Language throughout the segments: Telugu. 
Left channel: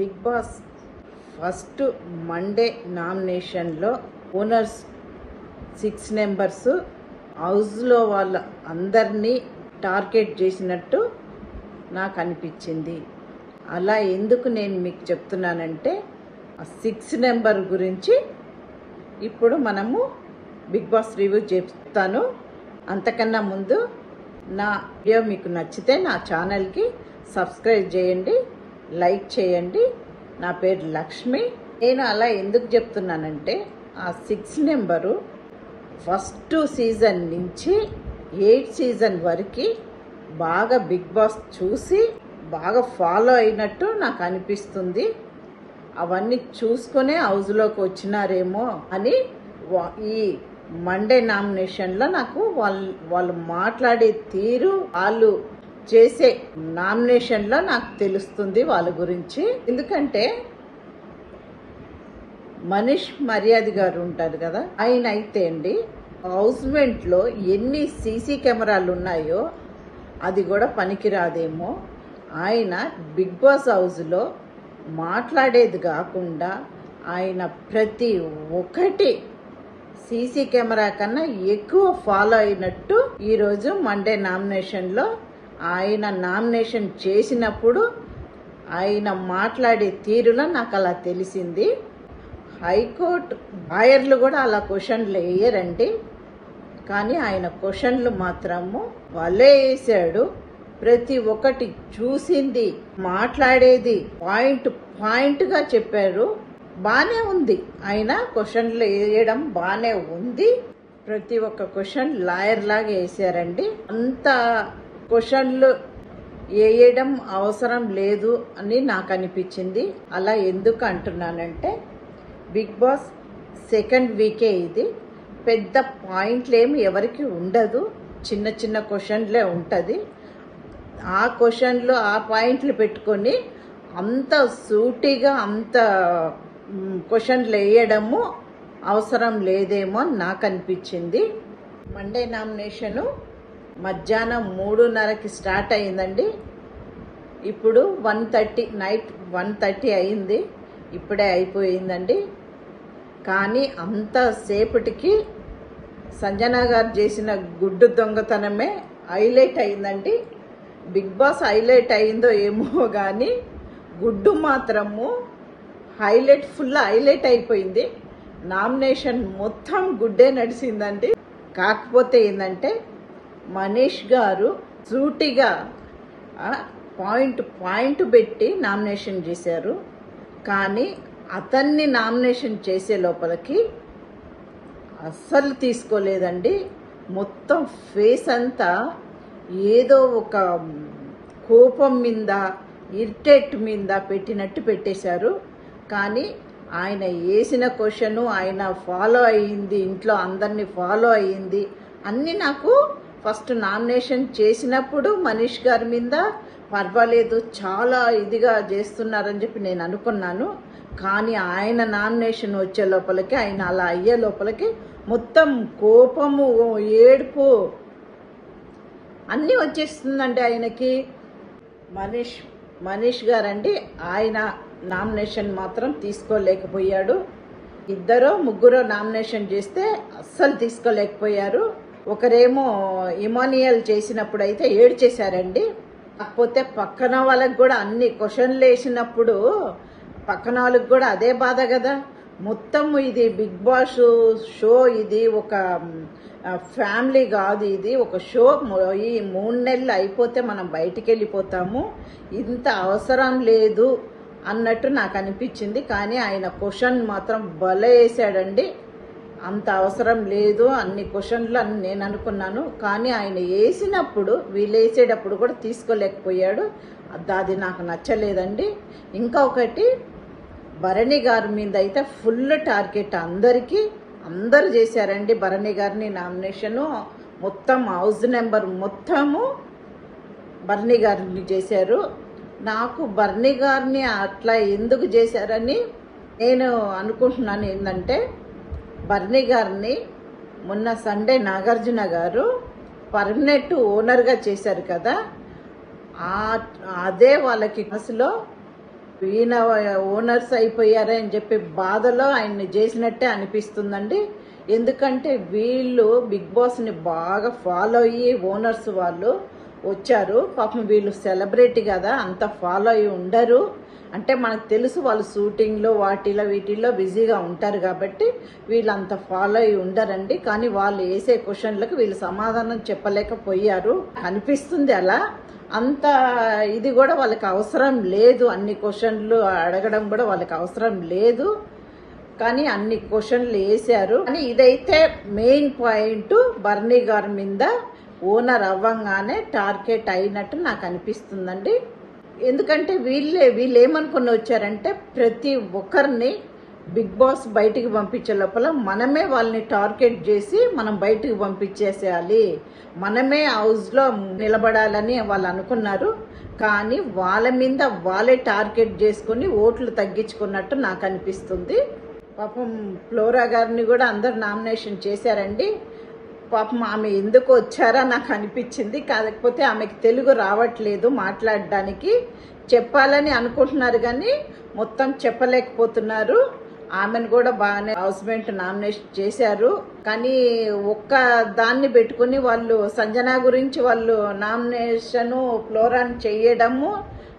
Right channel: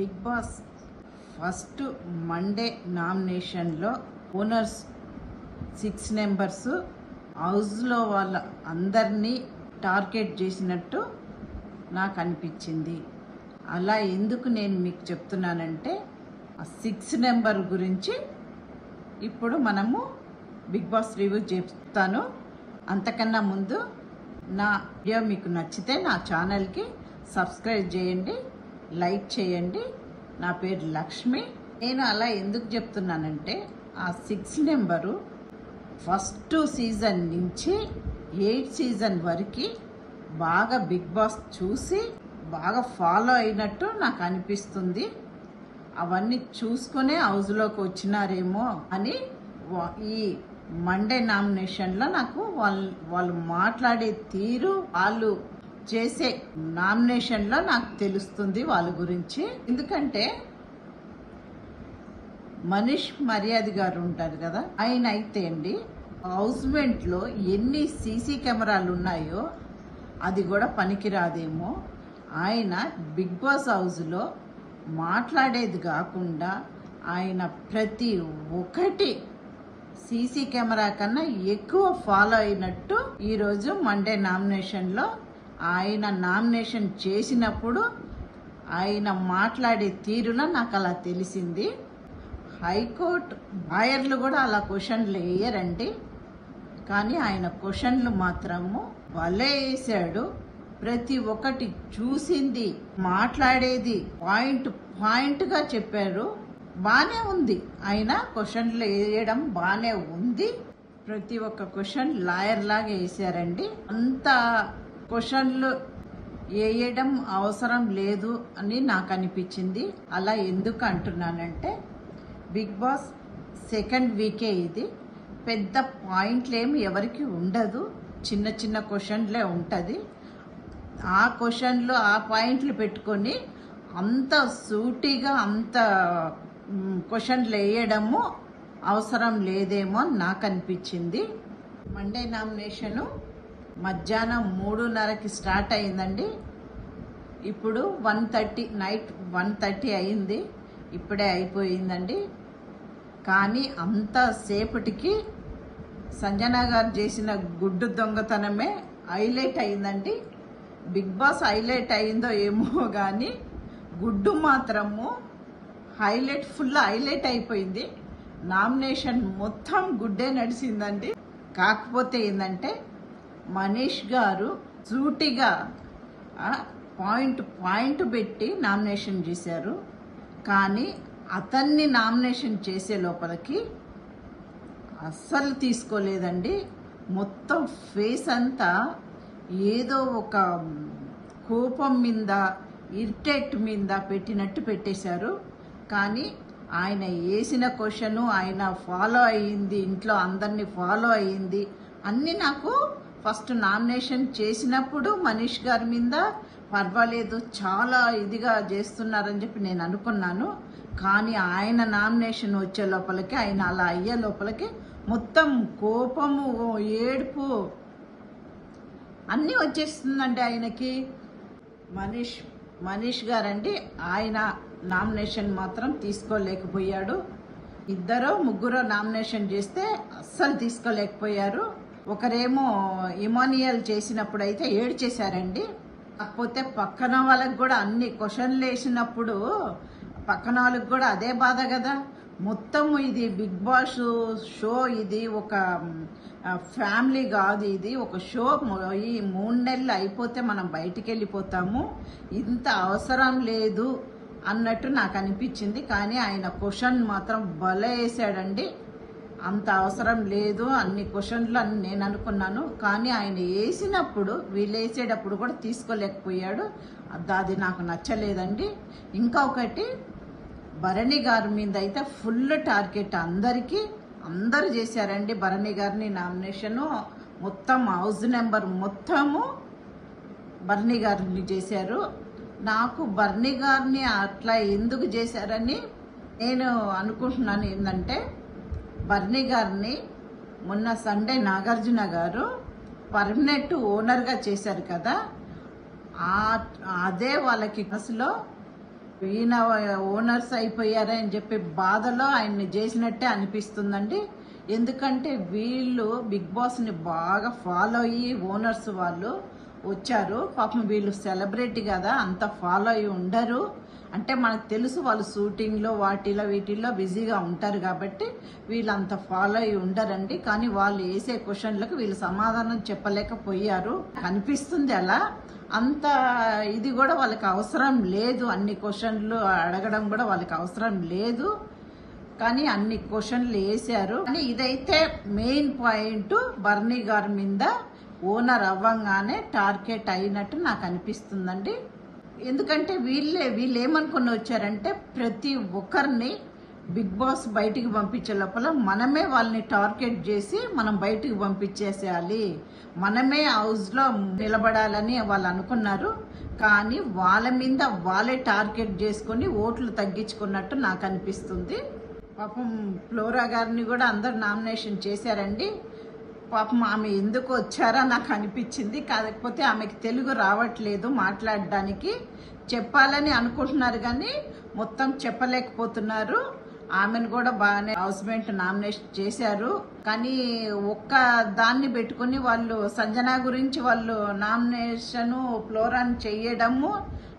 బిగ్ బాస్ ఫస్ట్ మండే నామినేషన్లో ఓనర్స్ 6 మెంబర్స్ హౌస్లో వాళ్ళ అందరినీ టార్గెట్ చేసినట్టు నాకు అనిపించింది. అలా ఎందుకు నేను మీకు చెప్తున్నానంటే ఆ 6 నెంబర్ గురించి ఇప్పుడు మనము బిగ్ బాస్ రివ్యూ చెప్తాను. అంతకన్నా ముందు నా వీడియో మీకు నచ్చితే నా ఛానల్కి సబ్స్క్రైబ్ చేయండి, లైక్ చేయండి. నా పేరు లక్ష్మి. నేను అలా ఎందుకు చెప్తున్నానంటే ఆ 6 నెంబరు ఫస్ట్ సీజన్ నుంచి 8 సీజన్ వరకు బాగా బిగ్ బాస్ చూసి బాగా ఫాలో అయినట్టు నాకు అనిపిస్తుంది. అవన్నీ చూసుకునే హౌస్లోకి వచ్చినారేమో అని ఈ మండే నామినేషన్లో నాకు వాళ్ళు మాట్లాడే తీరు, వాళ్ళు చేసే నామినేషన్లో నాకు తెలుస్తుంది వాళ్ళ గురించి. ఎందుకంటే మనీష్ మర్యాద గారు ఉంటారు కదా, ఆయన అయితే అండి హౌస్మెంట్లో ఎన్ని సీసీ కెమెరాలు ఉన్నాయో అది కూడా పనికిరాదేమో. ఆయన బిగ్ బాస్ హౌస్లో మాట్లాడేది కాకుండా ఆయన ప్రతి ఒక్కటి సీసీ కెమెరా కన్నా ఎక్కువ ఫాలో అయినట్టు ఈరోజు మండే నామినేషన్లో ఆయన నామినేషన్ చేసినప్పుడు ఆయన మాట్లాడే తీరులో నాకు అలా తెలిసింది. హైకోర్టు లాయర్లు కూడా అలా క్వశ్చన్లు వేయరండి, కానీ ఆయన క్వశ్చన్లు మాత్రము భలే వేసాడు. ప్రతి ఒక్కటి చూసింది, మాట్లాడేది పాయింట్గా చెప్పారు. బాగానే ఉంది, ఆయన క్వశ్చన్లు వేయడం బాగానే ఉంది. ప్రతి ఒక్క క్వశ్చన్ లాయర్ లాగా వేసారండి. అంత క్వశ్చన్లు వేయడం అవసరం లేదు అని నాకు అనిపించింది. అలా ఎందుకు అంటున్నానంటే బిగ్ బాస్ సెకండ్ వీకే ఇది. పెద్ద పాయింట్లు ఏమి ఎవరికి ఉండదు, చిన్న చిన్న క్వశ్చన్లే ఉంటుంది. ఆ క్వశ్చన్లు ఆ పాయింట్లు పెట్టుకొని అంత సూటిగా అంత క్వశ్చన్లు వేయడము అవసరం లేదేమో నాకు అనిపించింది. మండే నామినేషను మధ్యాహ్నం 3:30కి స్టార్ట్ అయిందండి. ఇప్పుడు 1:30 నైట్ 1:30 అయింది, ఇప్పుడే అయిపోయిందండి. కానీ అంతసేపటికి సంజన గారు చేసిన గుడ్డు దొంగతనమే హైలైట్ అయిందండి. బిగ్ బాస్ హైలైట్ అయిందో ఏమో కానీ గుడ్డు మాత్రము ఫుల్ హైలైట్ అయిపోయింది. నామినేషన్ మొత్తం గుడ్డే నడిచిందండి. కాకపోతే ఏంటంటే మనీష్ గారు సూటిగా పాయింట్ పెట్టి నామినేషన్ చేశారు. కానీ అతన్ని నామినేషన్ చేసే లోపలికి అస్సలు తీసుకోలేదండి. మొత్తం ఫేస్ అంతా ఏదో ఒక కోపం మీద, ఇరిటేట్ మీద పెట్టినట్టు పెట్టేశారు. కానీ ఆయన వేసిన క్వశ్చను, ఆయన ఫాలో అయ్యింది, ఇంట్లో అందరినీ ఫాలో అయ్యింది అన్నీ నాకు ఫస్ట్ నామినేషన్ చేసినప్పుడు మనీష్ గారి మీద పర్వాలేదు, చాలా ఇదిగా చేస్తున్నారని చెప్పి నేను అనుకున్నాను. కానీ ఆయన నామినేషన్ వచ్చే లోపలికి, ఆయన అలా అయ్యే లోపలికి మొత్తం కోపము, ఏడుపు అన్నీ వచ్చేస్తుందండి ఆయనకి. మనీష్ గారండి ఆయన నామినేషన్ మాత్రం తీసుకోలేకపోయాడు. 2-3 నామినేషన్ చేస్తే అస్సలు తీసుకోలేకపోయారు. ఒకరేమో ఇమానియల్ చేసినప్పుడు అయితే ఏడ్చేశారండి. కాకపోతే పక్కన వాళ్ళకి కూడా అన్ని క్వశ్చన్లు వేసినప్పుడు పక్కన వాళ్ళకి కూడా అదే బాధ కదా. మొత్తం ఇది బిగ్ బాస్ షో, ఇది ఒక ఫ్యామిలీ కాదు, ఇది ఒక షో. ఈ 3 నెలలు అయిపోతే మనం బయటికి వెళ్ళిపోతాము, ఇంత అవసరం లేదు అన్నట్టు నాకు అనిపించింది. కానీ ఆయన క్వశ్చన్ మాత్రం భలే వేసాడండి. అంత అవసరం లేదు అన్ని క్వశ్చన్లు అని నేను అనుకున్నాను. కానీ ఆయన వేసినప్పుడు, వీళ్ళు వేసేటప్పుడు కూడా తీసుకోలేకపోయాడు. అది నాకు నచ్చలేదండి. ఇంకా ఒకటి, భరణి గారి మీద అయితే ఫుల్ టార్గెట్ అందరూ చేశారండి. భరణి గారిని నామినేషను మొత్తం హౌస్ నెంబర్ మొత్తము భరణి గారిని చేశారు. నాకు భరణి గారిని అట్లా ఎందుకు చేశారని నేను అనుకుంటున్నాను. ఏంటంటే భరణి గారిని మొన్న సండే నాగార్జున గారు పర్మనెంట్ ఓనర్గా చేశారు కదా, అదే వాళ్ళకి మనసులో ఈయన ఓనర్స్ అయిపోయారే అని చెప్పి బాధలో ఆయన్ని చేసినట్టే అనిపిస్తుందండి. ఎందుకంటే వీళ్ళు బిగ్ బాస్ని బాగా ఫాలో అయ్యి ఓనర్స్ వాళ్ళు వచ్చారు. పాపం వీళ్ళు సెలబ్రిటీ కదా, అంత ఫాలో అయ్యి ఉండరు. అంటే మనకు తెలుసు వాళ్ళు షూటింగ్లో వాటిలో వీటిల్లో బిజీగా ఉంటారు కాబట్టి వీళ్ళు అంత ఫాలో అయ్యి ఉండరండి. కానీ వాళ్ళు వేసే క్వశ్చన్లకు వీళ్ళు సమాధానం చెప్పలేకపోయారు అనిపిస్తుంది. అలా అంత ఇది కూడా వాళ్ళకి అవసరం లేదు, అన్ని క్వశ్చన్లు అడగడం కూడా వాళ్ళకి అవసరం లేదు. కానీ అన్ని క్వశ్చన్లు వేసారు. కానీ ఇదైతే మెయిన్ పాయింట్ బర్నీ గారి మీద ఓనర్ అవ్వంగానే టార్గెట్ అయినట్టు నాకు అనిపిస్తుందండి. ఎందుకంటే వీళ్ళు ఏమనుకుని వచ్చారంటే ప్రతి ఒక్కరిని బిగ్ బాస్ బయటికి పంపించే లోపల మనమే వాళ్ళని టార్గెట్ చేసి మనం బయటికి పంపించేసేయాలి, మనమే హౌస్లో నిలబడాలని వాళ్ళు అనుకున్నారు. కానీ వాళ్ళ మీద వాళ్ళే టార్గెట్ చేసుకుని ఓట్లు తగ్గించుకున్నట్టు నాకు అనిపిస్తుంది. పాపం ఫ్లోరా గారిని కూడా అందరు నామినేషన్ చేశారండి. పాపం ఆమె ఎందుకు వచ్చారా నాకు అనిపించింది. కాకపోతే ఆమెకి తెలుగు రావట్లేదు మాట్లాడడానికి, చెప్పాలని అనుకుంటున్నారు కానీ మొత్తం చెప్పలేకపోతున్నారు. ఆమెను కూడా బాగానే హౌస్మెంట్ నామినేషన్ చేశారు. కానీ ఒక్క దాన్ని పెట్టుకుని వాళ్ళు సంజన గురించి వాళ్ళు నామినేషను ఫ్లోరాన్ చేయడము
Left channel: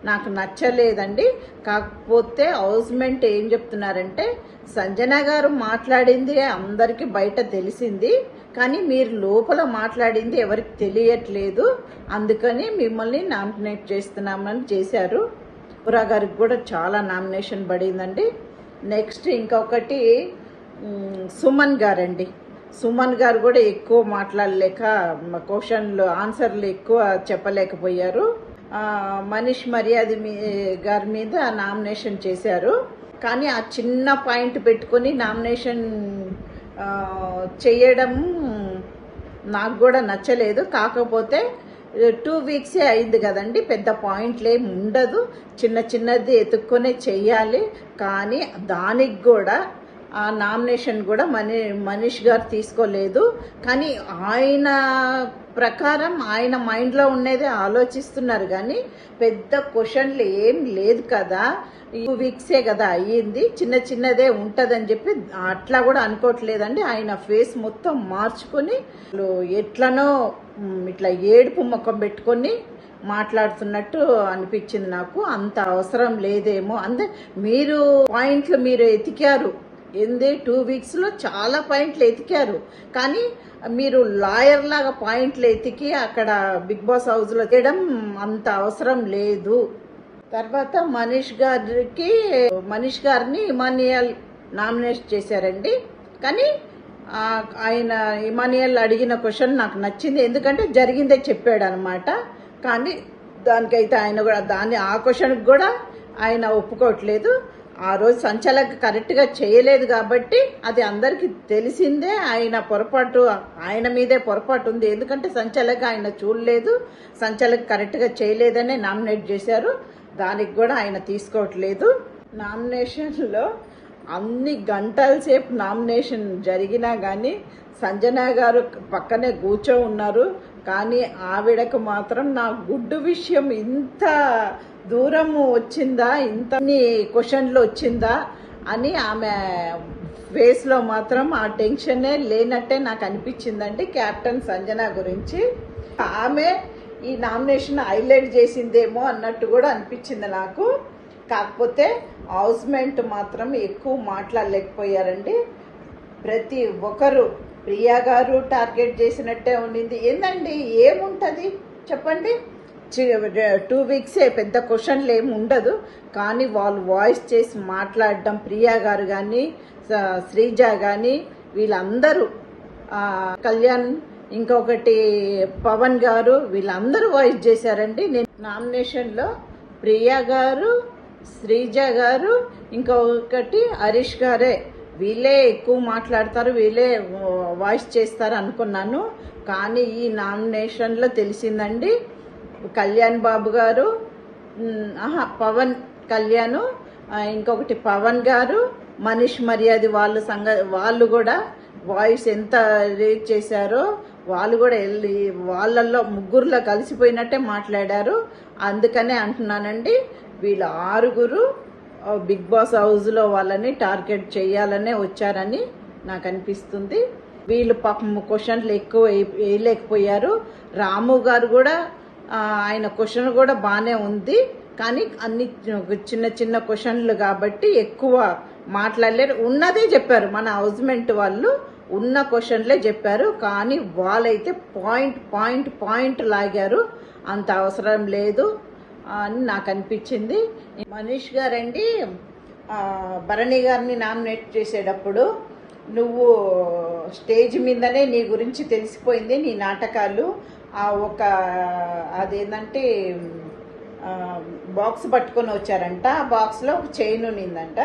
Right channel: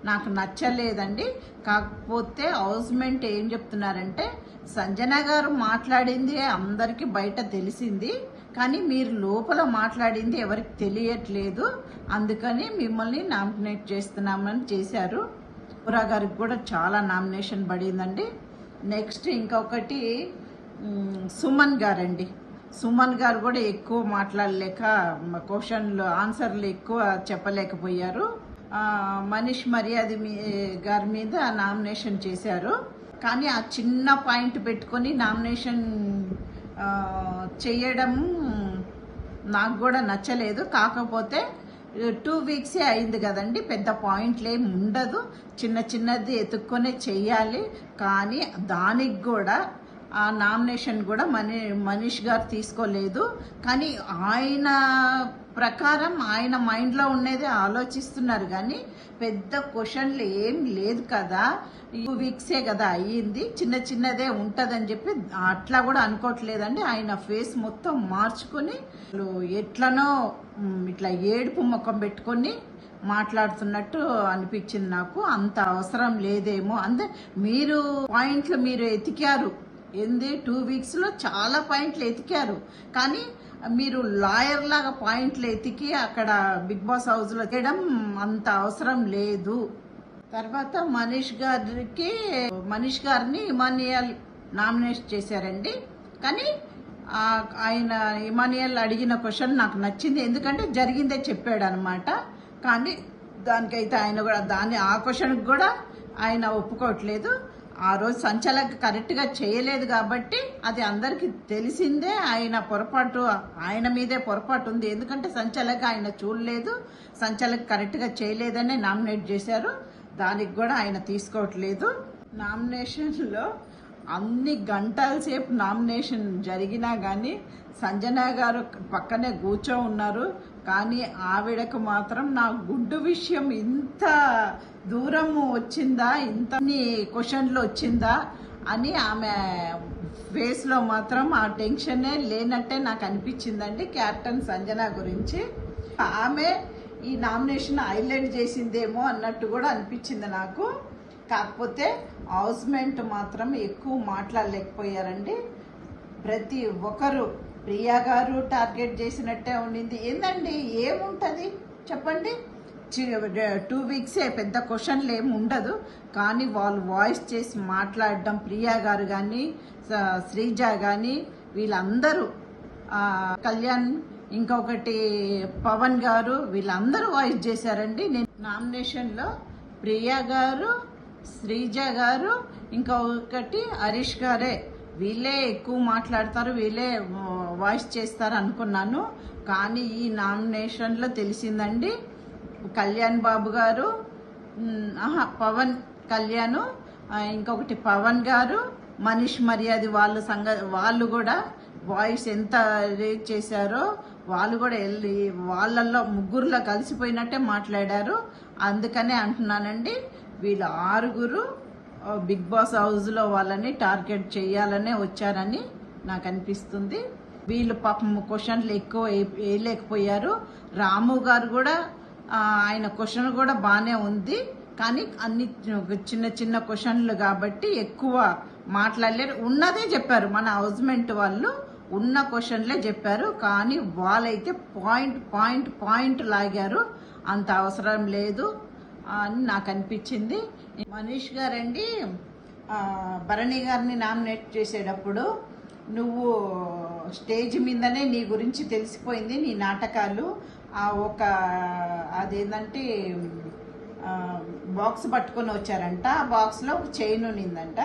నాకు నచ్చలేదండి. కాకపోతే హౌస్మెంట్ ఏం చెప్తున్నారంటే సంజన గారు మాట్లాడింది అందరికీ బయట తెలిసింది, కానీ మీరు లోపల మాట్లాడింది ఎవరికి తెలియట్లేదు, అందుకని మిమ్మల్ని నామినేట్ చేస్తున్నామని చేశారు. పురా గారికి కూడా చాలా నామినేషన్ పడిందండి. నెక్స్ట్ ఇంకొకటి సుమన్ గారండి. సుమన్ గారు కూడా ఎక్కువ మాట్లాడలేక క్వశ్చన్లు ఆన్సర్లు ఎక్కువ చెప్పలేకపోయారు. మనీష్ మర్యాద గారి మీద నామినేషన్ చేశారు. కానీ ఆ చిన్న పాయింట్ పెట్టుకొని నామినేషన్ చేయడం నాకు కూడా నచ్చలేదు. కాకపోతే 2 వీక్సే అయింది కదండి, పెద్ద పాయింట్లు ఏమి ఉండదు, చిన్న చిన్నది ఎత్తుక్కొనే చెయ్యాలి. కానీ దానికి కూడా ఆ నామినేషన్ కూడా మనీష్ గారు తీసుకోలేదు. కానీ ఆయన ప్రకారం ఆయన మైండ్లో ఉండేది ఆలోచిస్తున్నారు కానీ పెద్ద క్వశ్చన్లు ఏం లేదు కదా, 2 వీక్సే కదా అయ్యింది, చిన్న చిన్నదే ఉంటుందని చెప్పి అట్లా కూడా అనుకోవట్లేదండి. ఆయన ఫేస్ మొత్తం మార్చుకొని ఎట్లనో ఇట్లా ఏడుపు ముఖం పెట్టుకొని మాట్లాడుతున్నట్టు అనిపించింది నాకు. అంత అవసరం లేదేమో. మీరు పాయింట్లు మీరు ఎతికారు, 2 వీక్స్లో చాలా పాయింట్లు ఎతికారు, కానీ మీరు లాయర్ లాగా పాయింట్లు ఎతికి అక్కడ బిగ్ బాస్ హౌస్లో చేయడం అంత అవసరం లేదు. తర్వాత మనీష్ గారిని ఇమానియల్ నామినేట్ చేశారండి. కానీ ఆయన ఇమానియల్ అడిగిన క్వశ్చన్ నాకు నచ్చింది, ఎందుకంటే జరిగిందే చెప్పాడు అనమాట. కానీ దానికైతే ఆయన కూడా ఆ క్వశ్చన్కి కూడా ఆయన ఒప్పుకోవట్లేదు. ఆ రోజు సంచలక్ కరెక్ట్గా చేయలేదు కాబట్టి అది అందరికీ తెలిసిందే. ఆయన మీదే పొరపాటు ఉంది, ఎందుకంటే సంచలక్ ఆయన చూడలేదు, సంచలక్ కరెక్ట్గా చేయలేదనే నామినేట్ చేశారు. దానికి కూడా ఆయన తీసుకోవట్లేదు. నామినేషన్లో అన్ని గంటల సేపు నామినేషన్ జరిగినా కానీ సంజన గారు పక్కనే కూర్చో ఉన్నారు. కానీ ఆవిడకు మాత్రం నా గుడ్డు విషయం ఇంత దూరము వచ్చిందా, ఇంత క్వశ్చన్లు వచ్చిందా అని ఆమె ఫేస్లో మాత్రం ఆ టెన్షనే లేనట్టే నాకు అనిపించిందండి కెప్టెన్ సంజన గురించి. ఆమె ఈ నామినేషన్ హైలైట్ చేసిందేమో అన్నట్టు కూడా అనిపించింది నాకు. కాకపోతే హౌస్మెంట్ మాత్రం ఎక్కువ మాట్లాడలేకపోయారండి. ప్రతి ఒక్కరు ప్రియా గారు టార్గెట్ చేసినట్టే ఉండింది. ఏందండి ఏముంటుంది చెప్పండి, 2 వీక్సే పెద్ద క్వశ్చన్లు ఏమి ఉండదు, కానీ వాళ్ళు వాయిస్ చేసి మాట్లాడడం, ప్రియా గారు కానీ శ్రీజ కానీ వీళ్ళందరూ, కళ్యాణ్ ఇంకొకటి పవన్ గారు వీళ్ళందరూ వాయిస్ చేశారండి. నేను నామినేషన్లో ప్రియా గారు, శ్రీజ గారు, ఇంకొకటి హరీష్ గారే, వీళ్ళే ఎక్కువ మాట్లాడతారు, వీళ్ళే వాయిస్ చేస్తారు అనుకున్నాను. కానీ ఈ నామినేషన్లో తెలిసిందండి కళ్యాణ్ బాబు గారు, పవన్ కళ్యాణ్, ఇంకొకటి పవన్ గారు, మనీష్ మర్యాద వాళ్ళు కూడా వాయిస్ ఎంత రేట్ చేశారో వాళ్ళు కూడా వాళ్ళల్లో ముగ్గురులో కలిసిపోయినట్టే మాట్లాడారు. అందుకనే అంటున్నానండి వీళ్ళు 6 బిగ్ బాస్ హౌస్లో వాళ్ళని టార్గెట్ చేయాలనే వచ్చారని నాకు అనిపిస్తుంది. వీళ్ళు పాపం క్వశ్చన్లు ఎక్కువ వేయలేకపోయారు. రాము గారు కూడా ఆయన క్వశ్చన్ కూడా బాగానే ఉంది, కానీ అన్ని చిన్న చిన్న క్వశ్చన్లు కాబట్టి ఎక్కువ మాట్లాడలేరు. ఉన్నదే చెప్పారు, మన హౌస్మెంట్ వాళ్ళు ఉన్న క్వశ్చన్లే చెప్పారు, కానీ వాళ్ళైతే పాయింట్ పాయింట్ పాయింట్ లాగారు. అంత అవసరం లేదు అని నాకు అనిపించింది. మనీష్ గారండి భరణి గారిని నామినేట్ చేసేటప్పుడు, నువ్వు స్టేజ్ మీదనే నీ గురించి తెలిసిపోయింది, నీ నాటకాలు అదేంటంటే బాక్స్ పట్టుకొని వచ్చారంట. ఆ బాక్స్లో ఒక చైన్ ఉన్నిందంట.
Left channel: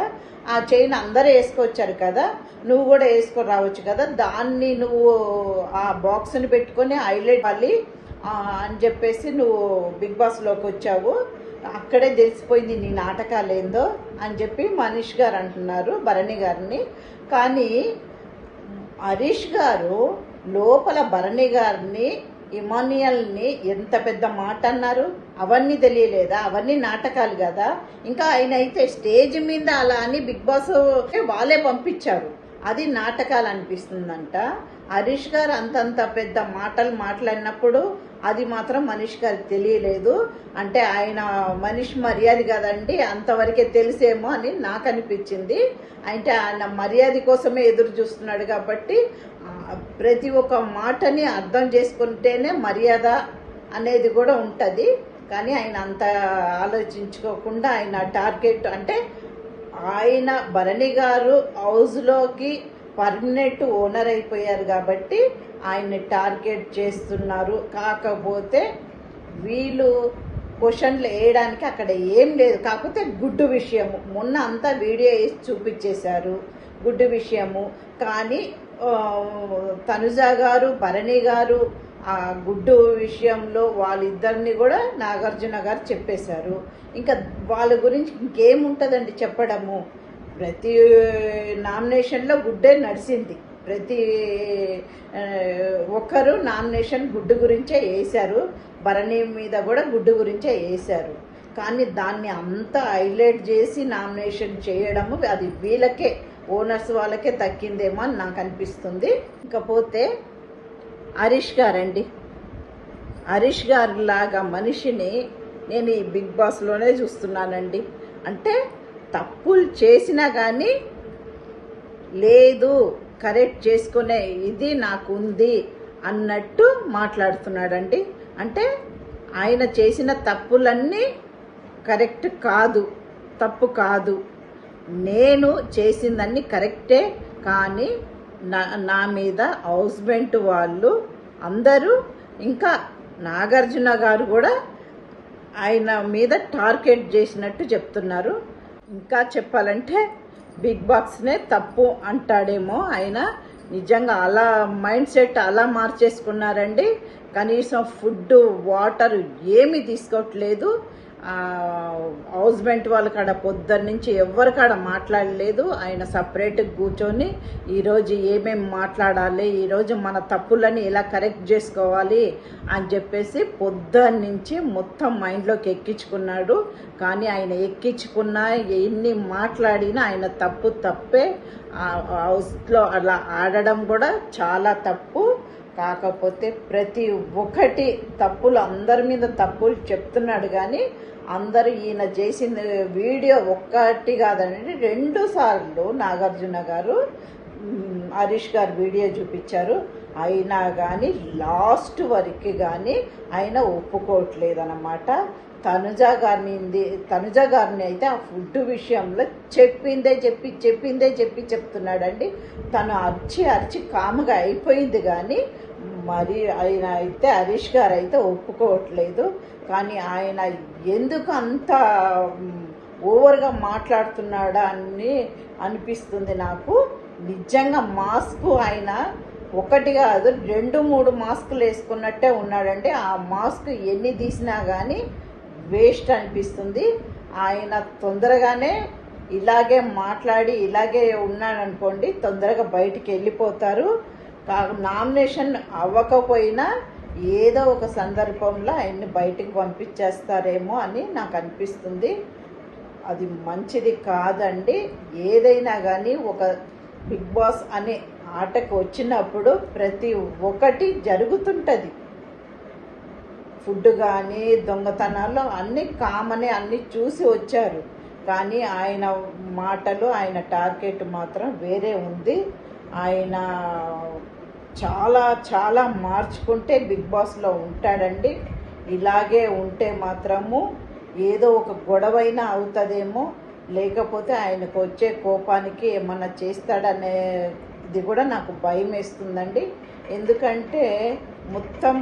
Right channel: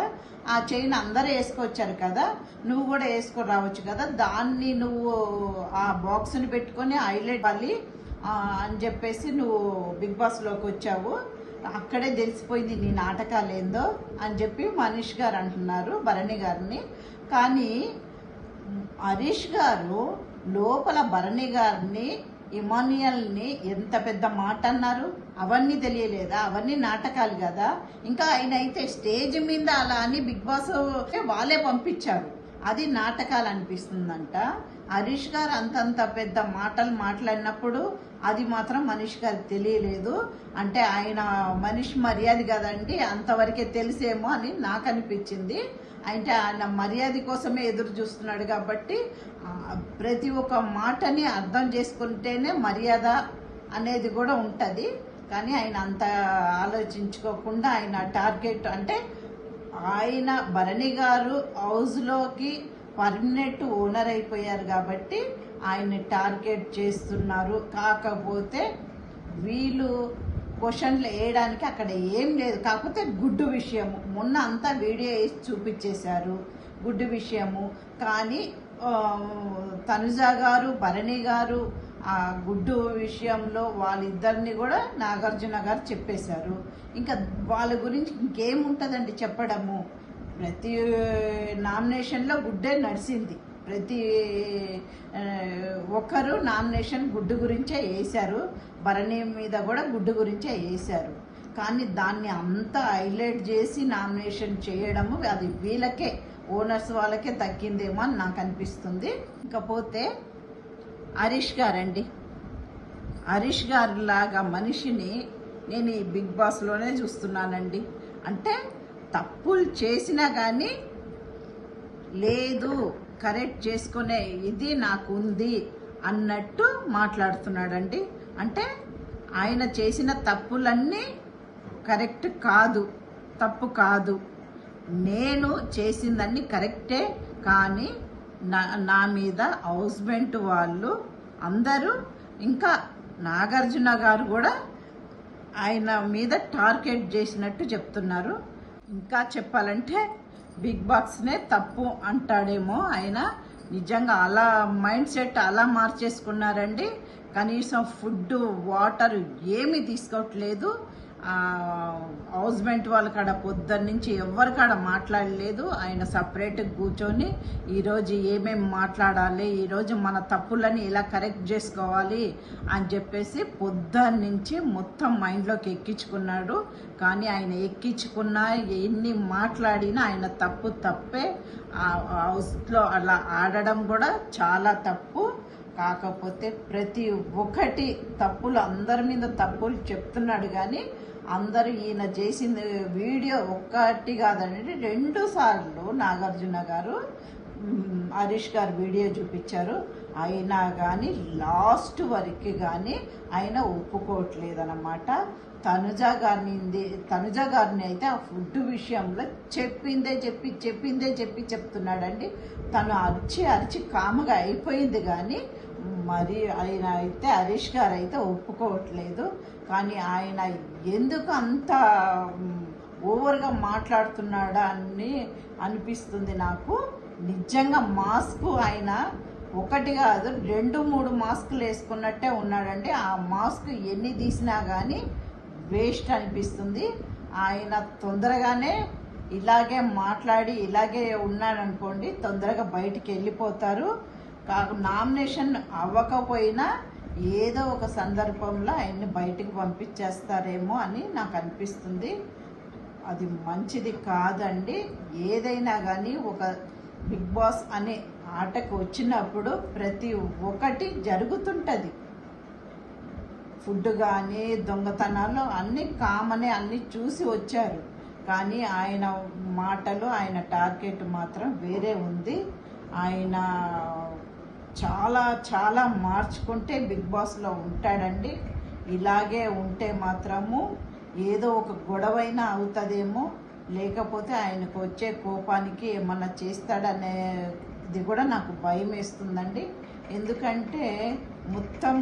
ఆ చైన్ అందరూ వేసుకొచ్చారు కదా, నువ్వు కూడా వేసుకొని రావచ్చు కదా, దాన్ని నువ్వు ఆ బాక్స్ని పెట్టుకొని హైలైట్ అవ్వాలి అని చెప్పేసి నువ్వు బిగ్ బాస్లోకి వచ్చావు. అక్కడే తెలిసిపోయింది నీ నాటకాలు ఏందో అని చెప్పి మనీష్ గారు అంటున్నారు భరణి గారిని. కానీ హరీష్ గారు లోపల భరణి గారిని, ఇమాన్యుయల్ని ఎంత పెద్ద మాట అన్నారు, అవన్నీ తెలియలేదా? అవన్నీ నాటకాలు కదా. ఇంకా ఆయన అయితే స్టేజ్ మీద అలా అని బిగ్ బాస్ వాళ్ళే పంపించారు, అది నాటకాలు అనిపిస్తుందంట. హరీష్ గారు అంతంత పెద్ద మాటలు మాట్లాడినప్పుడు అది మాత్రం మనీష్ గారికి తెలియలేదు. అంటే ఆయన మనిషి మర్యాద కదండి, అంతవరకే తెలిసేమో అని నాకు అనిపించింది. అంటే ఆయన మర్యాద కోసమే ఎదురు చూస్తున్నాడు కాబట్టి ప్రతి ఒక్క మాటని అర్థం చేసుకుంటేనే మర్యాద అనేది కూడా ఉంటుంది. కానీ ఆయన అంత ఆలోచించుకోకుండా ఆయన టార్గెట్, అంటే ఆయన భరణి గారు హౌస్లోకి పర్మనెంట్ ఓనర్ అయిపోయారు కాబట్టి ఆయన్ని టార్గెట్ చేస్తున్నారు. కాకపోతే వీళ్ళు క్వశ్చన్లు వేయడానికి అక్కడ ఏం లేదు, కాకపోతే గుడ్డు విషయము మొన్న అంతా వీడియో వేసి చూపించేశారు, గుడ్డు విషయము. కానీ తనుజ గారు భరణి గారు ఆ గుడ్డు విషయంలో వాళ్ళిద్దరిని కూడా నాగార్జున గారు చెప్పేశారు. ఇంకా వాళ్ళ గురించి ఇంకేముంటుందండి చెప్పడము. ప్రతి నామినేషన్లో గుడ్డే నడిచింది, ప్రతి ఒక్కరు నామినేషన్ గుడ్డు గురించే వేశారు, భరణి మీద కూడా గుడ్డు గురించే వేశారు. కానీ దాన్ని అంతా హైలైట్ చేసి నామినేషన్ చేయడము అది వీళ్ళకే, ఓనర్స్ వాళ్ళకే దక్కిందేమో అని నాకు అనిపిస్తుంది. ఇకపోతే హరీష్ గారండి, హరీష్ గారు లాగా మనిషిని నేను ఈ బిగ్ బాస్లోనే చూస్తున్నానండి. అంటే తప్పులు చేసినా కానీ లేదు, కరెక్ట్ చేసుకునే ఇది నాకు ఉంది అన్నట్టు మాట్లాడుతున్నాడండి. అంటే ఆయన చేసిన తప్పులన్నీ కరెక్ట్ కాదు, తప్పు కాదు, నేను చేసిందన్నీ కరెక్టే. కానీ నా మీద హౌస్మెంట్ వాళ్ళు అందరూ, ఇంకా నాగార్జున గారు కూడా ఆయన మీద టార్గెట్ చేసినట్టు చెప్తున్నారు. ఇంకా చెప్పాలంటే బిగ్ బాస్నే తప్పు అంటాడేమో ఆయన. నిజంగా అలా మైండ్ సెట్ అలా మార్చేసుకున్నారండి. కనీసం ఫుడ్ వాటర్ ఏమీ తీసుకోవట్లేదు. హౌస్మెంట్ వాళ్ళ కాడ పొద్దున్న నుంచి ఎవరి కాడ మాట్లాడలేదు. ఆయన సపరేట్గా కూర్చొని ఈరోజు ఏమేమి మాట్లాడాలి, ఈరోజు మన తప్పులని ఎలా కరెక్ట్ చేసుకోవాలి అని చెప్పేసి పొద్దున్న నుంచి మొత్తం మైండ్లోకి ఎక్కించుకున్నాడు. కానీ ఆయన ఎక్కించుకున్నా ఎన్ని మాట్లాడినా ఆయన తప్పు తప్పే. హౌస్లో అలా ఆడడం కూడా చాలా తప్పు. కాకపోతే ప్రతి ఒక్కటి తప్పులు, అందరి మీద తప్పులు చెప్తున్నాడు. కానీ అందరూ ఈయన చేసిన వీడియో ఒక్కటి కాదండి, 2 సార్లు నాగార్జున గారు హరీష్ గారు వీడియో చూపించారు. అయినా కానీ లాస్ట్ వరకు కానీ ఆయన ఒప్పుకోవట్లేదన్నమాట. తనుజ గారిని అయితే ఆ ఫుడ్ విషయంలో చెప్పిందే చెప్పి చెప్తున్నాడండి. తను అరిచి కాముగా అయిపోయింది. కానీ మరి ఆయన అయితే హరీష్ గారు అయితే ఒప్పుకోవట్లేదు. కానీ ఆయన ఎందుకు అంత ఓవర్గా మాట్లాడుతున్నాడా అని అనిపిస్తుంది నాకు. నిజంగా మాస్క్ ఆయన ఒకటి కాదు 2-3 మాస్కులు వేసుకున్నట్టే ఉన్నాడండి. ఆ మాస్క్ ఎన్ని తీసినా కానీ వేస్ట్ అనిపిస్తుంది. ఆయన తొందరగానే ఇలాగే మాట్లాడి ఇలాగే ఉన్నాడనుకోండి, తొందరగా బయటికి వెళ్ళిపోతారు. నామినేషన్ అవ్వకపోయినా ఏదో ఒక సందర్భంలో ఆయన్ని బయటికి పంపించేస్తారేమో అని నాకు అనిపిస్తుంది. అది మంచిది కాదండి. ఏదైనా కానీ ఒక బిగ్ బాస్ అనే ఆటకు వచ్చినప్పుడు ప్రతి ఒక్కటి జరుగుతుంటుంది. ఫుడ్ కానీ దొంగతనాలు అన్నీ కామనే, అన్నీ చూసి వచ్చారు. కానీ ఆయన మాటలు, ఆయన టార్గెట్ మాత్రం వేరే ఉంది. ఆయన చాలా చాలా మార్చుకుంటే బిగ్ బాస్లో ఉంటాడండి. ఇలాగే ఉంటే మాత్రము ఏదో ఒక గొడవైనా అవుతుందేమో, లేకపోతే ఆయనకు వచ్చే కోపానికి ఏమన్నా చేస్తాడనేది కూడా నాకు భయం వేస్తుందండి. ఎందుకంటే మొత్తం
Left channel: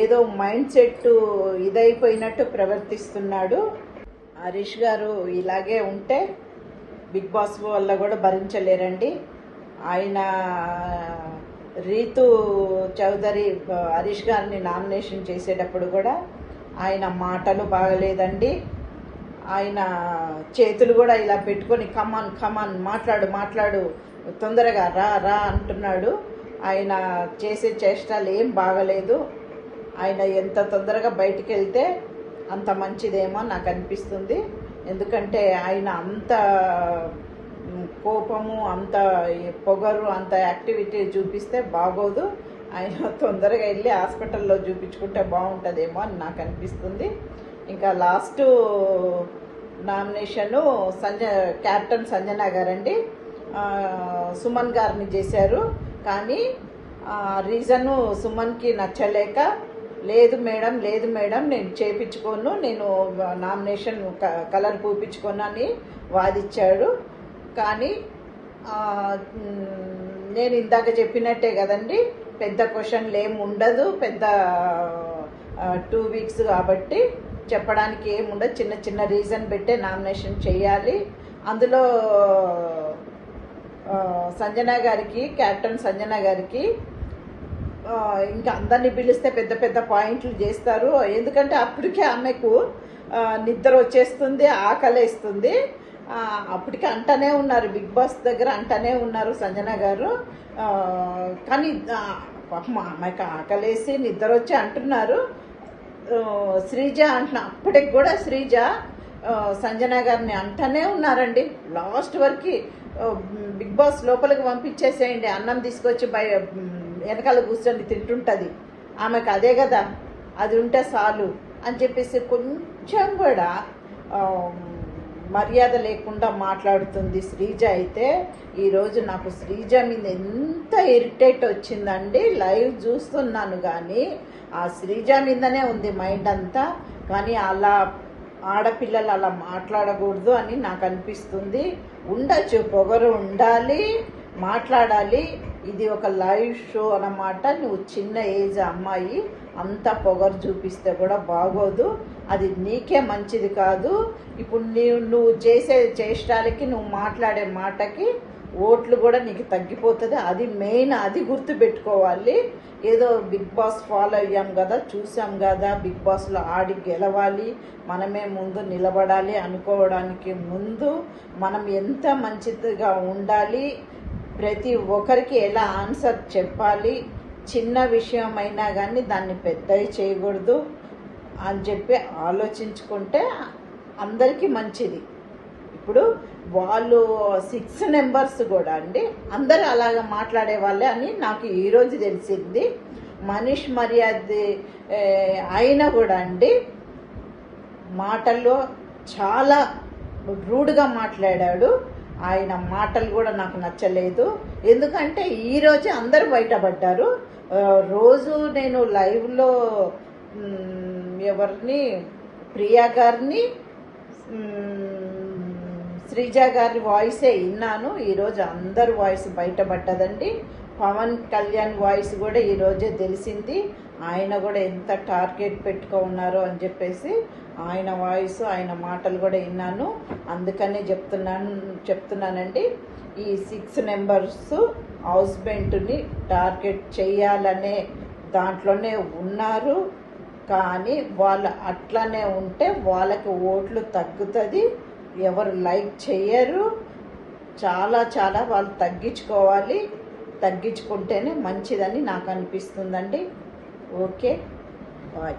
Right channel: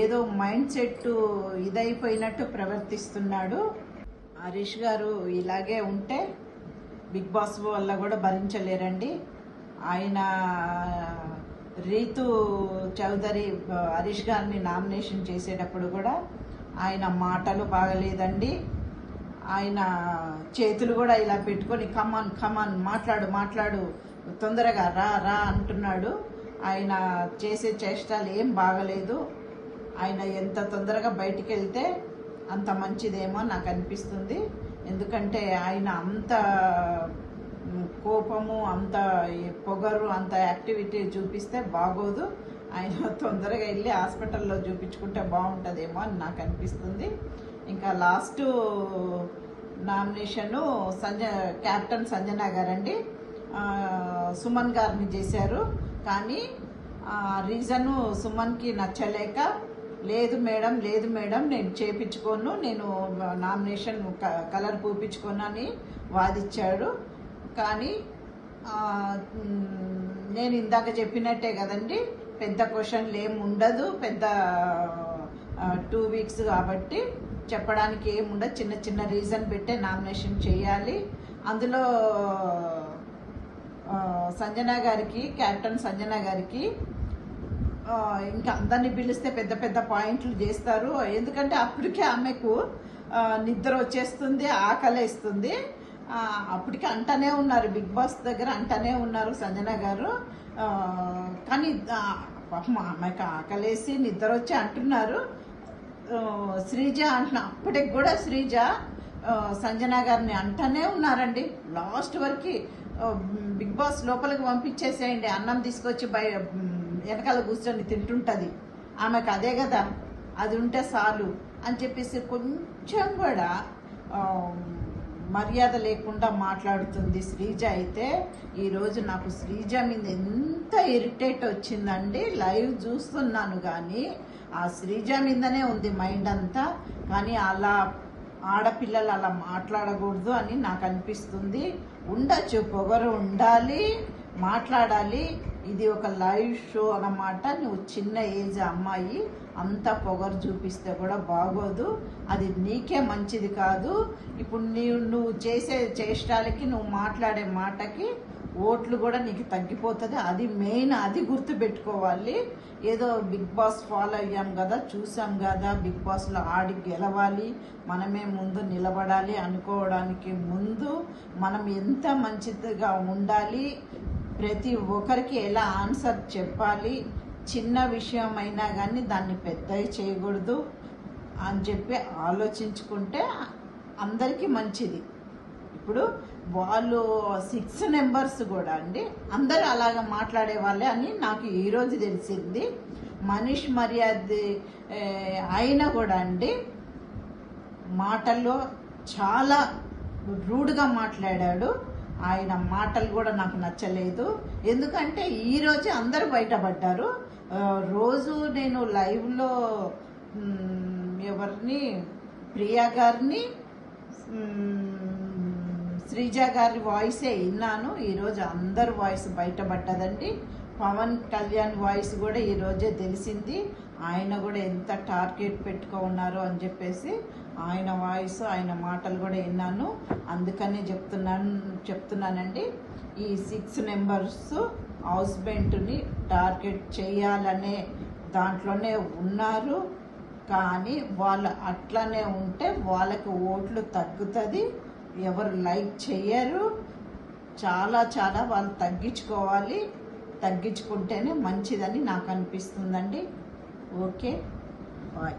ఏదో మైండ్ సెట్ ఇదైపోయినట్టు ప్రవర్తిస్తున్నాడు. హరీష్ గారు ఇలాగే ఉంటే బిగ్ బాస్ వల్ల కూడా భరించలేరండి. ఆయన రీతు చౌదరి హరీష్ గారిని నామినేషన్ చేసేటప్పుడు కూడా ఆయన మాటలు బాగలేదండి. ఆయన చేతులు కూడా ఇలా పెట్టుకొని కమాన్ కమాన్ మాట్లాడు తొందరగా రా రా అంటున్నాడు. ఆయన చేసే చేష్టాలు ఏం బాగలేదు. ఆయన ఎంత తొందరగా బయటికి వెళ్తే అంత మంచిదేమో నాకు అనిపిస్తుంది. ఎందుకంటే ఆయన అంత కోపము, అంత పొగరు, అంత యాక్టివిటీ చూపిస్తే బాగోదు. ఆయన తొందరగా వెళ్ళి హాస్పిటల్లో చూపించుకుంటే బాగుంటుందేమో అని నాకు అనిపిస్తుంది. ఇంకా లాస్ట్ నామినేషను క్యాప్టెన్ సంజన గారండి. సుమన్ గారిని చేశారు. కానీ రీజను సుమన్కి నచ్చలేక, లేదు మేడం నేను చేపించుకోను, నేను నామినేషన్ కలర్ పూపించుకోను అని వాదిచ్చాడు. కానీ నేను ఇందాక చెప్పినట్టే కదండి, పెద్ద క్వశ్చన్లు ఏమి ఉండదు. పెద్ద 2 వీక్స్ కాబట్టి చెప్పడానికి ఏముండదు. చిన్న చిన్న రీజన్ పెట్టే నామినేషన్ చేయాలి. అందులో సంజన గారికి, క్యాప్టెన్ సంజన గారికి ఇంకా అందరినీ పిలిస్తే పెద్ద పెద్ద పాయింట్లు చేస్తారు. ఎందుకంటే అప్పటికే ఆమెకు నిద్ర వచ్చేస్తుంది, ఆకలేస్తుంది. అప్పటికే అంటనే ఉన్నారు, బిగ్ బాస్ దగ్గర అంటనే ఉన్నారు సంజన గారు. కానీ ఆమెకు ఆకలేసి నిద్ర వచ్చి అంటున్నారు. శ్రీజ అంటున్నా, అప్పటికి కూడా శ్రీజ సంజన గారిని అంటనే ఉన్నారండి లాస్ట్ వరకు. బిగ్ బాస్ లోపలికి పంపించేసేయండి, అన్నం తీసుకొచ్చి వెనకాల కూర్చొని తింటుంటుంది, ఆమెకు అదే కదా, అది ఉంటే చాలు అని చెప్పేసి కొంచెం కూడా మర్యాద లేకుండా మాట్లాడుతుంది శ్రీజ. అయితే ఈరోజు నాకు శ్రీజ మీద ఎంత ఇరిటేట్ వచ్చిందండి. లైవ్ చూస్తున్నాను కానీ ఆ శ్రీజ మీదనే ఉంది మైండ్ అంతా. కానీ అలా ఆడపిల్లలు అలా మాట్లాడకూడదు అని నాకు అనిపిస్తుంది. ఉండొచ్చు, పొగరు ఉండాలి, మాట్లాడాలి. ఇది ఒక లైవ్ షో అన్నమాట. నువ్వు చిన్న ఏజ్ అమ్మాయి, అంత పొగరు చూపిస్తే కూడా బాగోదు. అది నీకే మంచిది కాదు. ఇప్పుడు నువ్వు చేసే చేష్టాలకి, నువ్వు మాట్లాడే మాటకి ఓట్లు కూడా నీకు తగ్గిపోతుంది. అది మెయిన్, అది గుర్తుపెట్టుకోవాలి. ఏదో బిగ్ బాస్ ఫాలో అయ్యాం కదా, చూసాం కదా, బిగ్ బాస్లో ఆడి గెలవాలి, మనమే ముందు నిలబడాలి అనుకోవడానికి ముందు మనం ఎంత మంచిదిగా ఉండాలి, ప్రతి ఒక్కరికి ఎలా ఆన్సర్ చెప్పాలి, చిన్న విషయమైనా కానీ దాన్ని పెద్దవి చేయకూడదు అని చెప్పి ఆలోచించుకుంటే అందరికీ మంచిది. ఇప్పుడు వాళ్ళు 6 మెంబర్స్ కూడా అండి అందరూ అలాగ మాట్లాడే వాళ్ళే అని నాకు ఈరోజు తెలిసింది. మనీష్ మర్యాద అయినా కూడా అండి మాటల్లో చాలా రూడ్గా మాట్లాడాడు. ఆయన మాటలు కూడా నాకు నచ్చలేదు. ఎందుకంటే ఈరోజే అందరూ బయటపడ్డారు. రోజు నేను లైవ్లో ఎవరిని, ప్రియా గారిని, శ్రీజ గారి వాయిసే విన్నాను. ఈరోజు అందరు వాయిస్ బయటపడ్డదండి. పవన్ కళ్యాణ్ వాయిస్ కూడా ఈరోజే తెలిసింది. ఆయన కూడా ఎంత టార్గెట్ పెట్టుకో ఉన్నారో అని చెప్పేసి ఆయన వాయిస్, ఆయన మాటలు కూడా విన్నాను. అందుకనే చెప్తున్నానండి, ఈ 6 మెంబర్స్ హస్బెండ్ని టార్గెట్ చేయాలనే దాంట్లోనే ఉన్నారు. కానీ వాళ్ళు అట్లానే ఉంటే వాళ్ళకి ఓట్లు తగ్గుతుంది, ఎవరు లైక్ చేయరు. చాలా చాలా వాళ్ళు తగ్గించుకోవాలి. తగ్గించుకుంటేనే మంచిదని నాకు అనిపిస్తుందండి. Okay, bye.